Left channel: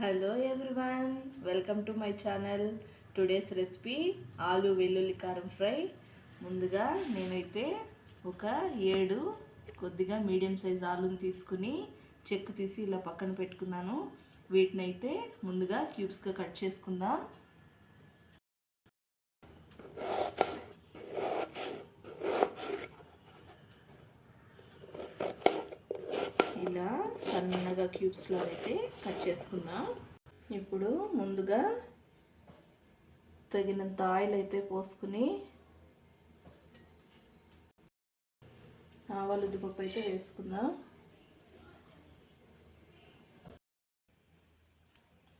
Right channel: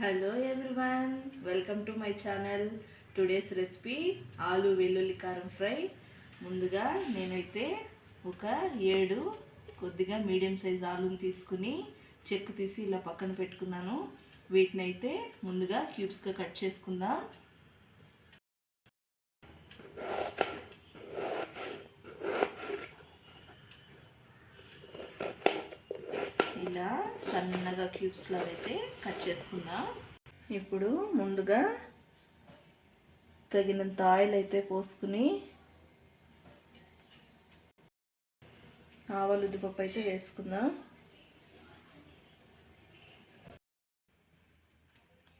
Hello everyone welcome to my channel today's recipe ఆలు వెల్లుల్లి కారం ఫ్రై. ముందుగా నేనైతే ఒక ఏడు కొద్దిగా మీడియం సైజ్ ఆలుని తీసుకుని చెక్కు తీసి ఇలా పక్కన పెట్టుకున్నాను. వీటిని అయితే ముందుగా క్యూబ్స్గా కట్ చేసుకుందాం. ఇలా సన్నగా క్యూబ్స్లో అయితే కట్ చేసుకుందాం ఇప్పుడు ముందుగా తగినంత ఆయిల్ అయితే పోసుకుని ఆవాలు ఉద్దిపప్పు అయితే వేసుకుందాం.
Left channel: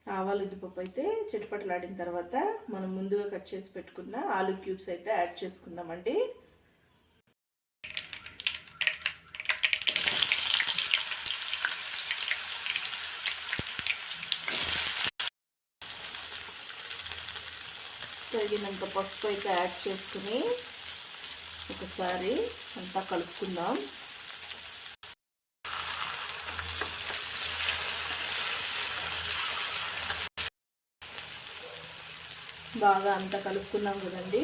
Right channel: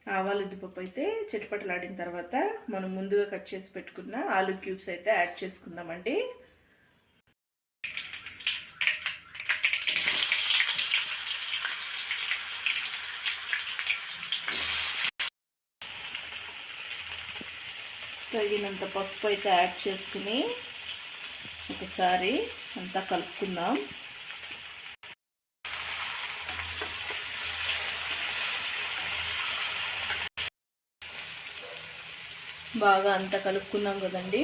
ఆవాలు ఉద్దిపప్పు అయితే చిటపటలాడిన తర్వాత మనం ముందుగా కట్ చేసి పెట్టుకున్న ఆలు క్యూబ్స్ అయితే యాడ్ చేసుకుందామండి. తగినంత పసుపు అయితే యాడ్ చేసుకుని ఒకసారి అంతా కలుపుకుందాం. బాగా అంతా కలుపుకున్నాం కదండి.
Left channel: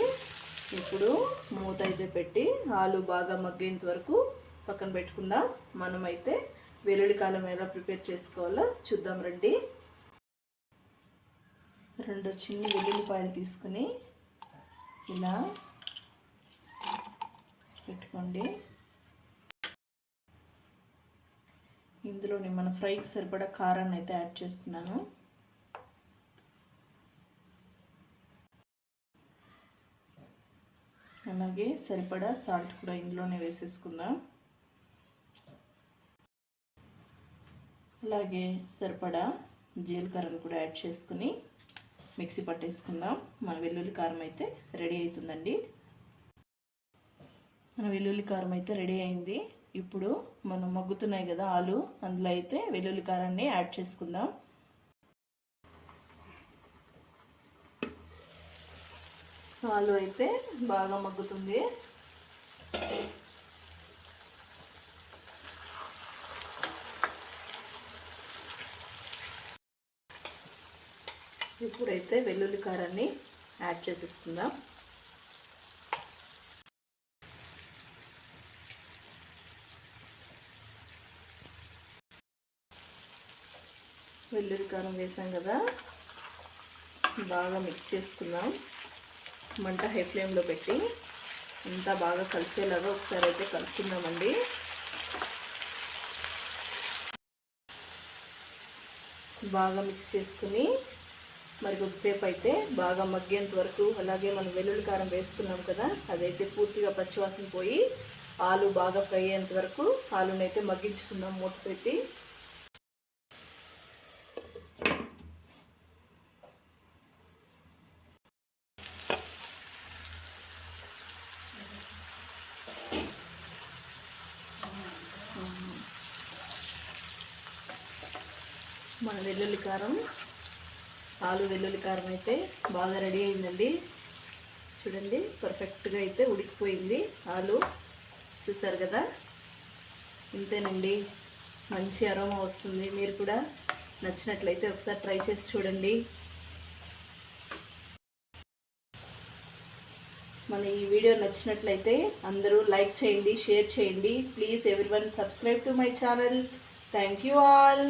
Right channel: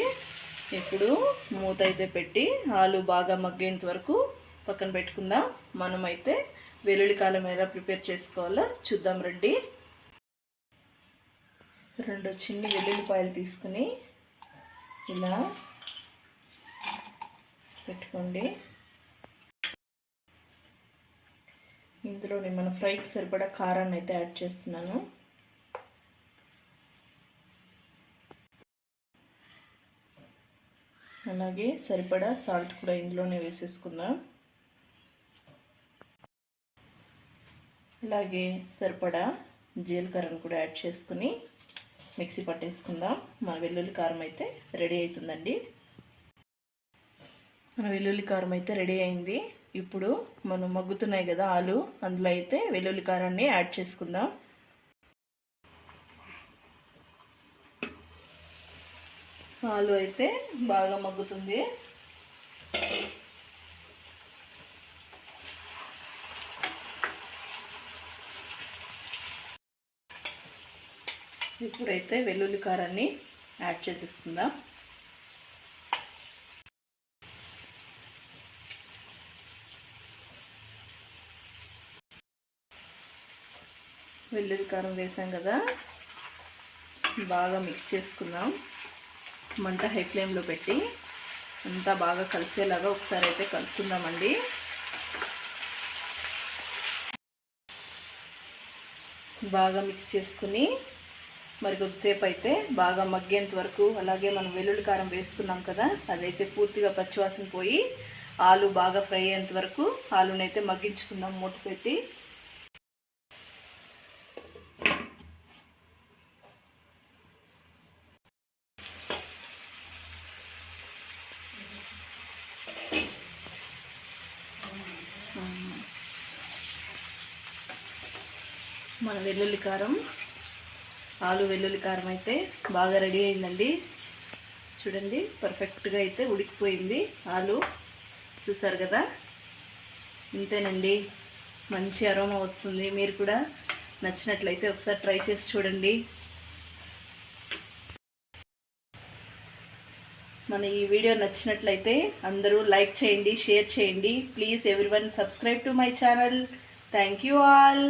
ఇప్పుడు మూత అయితే పెట్టి ఆలు బాగా మగ్గేంత వరకు పక్కన పెట్టుకుందాం. మనమైతే వెల్లుల్లి కాలం ఎలా ప్రిపేర్ చేసుకోవాలో చూద్దాం రండి. రెండు చిన్న వెల్లుల్లిపాయలు తీసుకుని ఇలా పెట్టుకోండి. ఇందులోని మన ఫ్రైకి సరిపడా కారాన్ని అయితే యాడ్ చేస్తున్నాను. అలాగే సరిపడా సాల్ట్ కూడా ఇందులోనే వేసేసుకుందాం. అలాగే సరిపడా జీలకర్రను కూడా యాడ్ చేసుకుని మిక్సీ పట్టేసుకుందాం. మన వెల్లుల్లి కారం అయితే రెడీ అవుతుందండి. మన వెల్లుల్లి కారం అయితే రెడీ అయింది. ఇప్పుడు మనం మగ్గుతున్నాయి కదా ఆలు అందులో అయితే వెల్లుల్లి కారాన్ని యాడ్ చేసుకుందాం. ఆలు అయితే బాగా మగ్గుతుంది. ఇప్పుడైతే వెల్లుల్లి కారాన్ని యాడ్ చేసేసుకుందాం. వెల్లుల్లి కారం వేసాం కదా. బాగా మిక్స్ చేసుకుందాం. మంట హై ఫ్లేమ్లో పెట్టి అంతా బాగా కలిసేలాగా ఒకసారి అయితే కలుపుకుందామండి. బాగా మిక్స్ చేసుకుని మరి కొద్దిసేపు అయితే బాగా మగ్గేంత వరకు అలాగే మనం వెల్లుల్లి కారం వేసుకున్నాం కదా అదైతే పూర్తిగా పచ్చివాసన పోయి ఆలు బాగా ఫ్రై అయ్యేంత వరకు ఆలునైతే మగ్గించుకుందాం మూట పెట్టి. మన వెల్లుల్లి కారం ఆలు వెల్లుల్లి కారం అయితే బాగా రెడీ అయిందండి. చూడండి పర్ఫెక్ట్గా అయితే ఉడికిపోయింది ఆలు చూసారు కదా? ఇంతేనండి. మంచి అరోమా వస్తుంది. మీరు కూడా నచ్చినట్లయితే ఒకసారి ట్రై చేసి చూడండి. మన ఈ వీడియో నచ్చినట్లయితే అందరూ లైక్ చేయండి షేర్ చేయండి. Please everyone subscribe to my channel. Thank you all.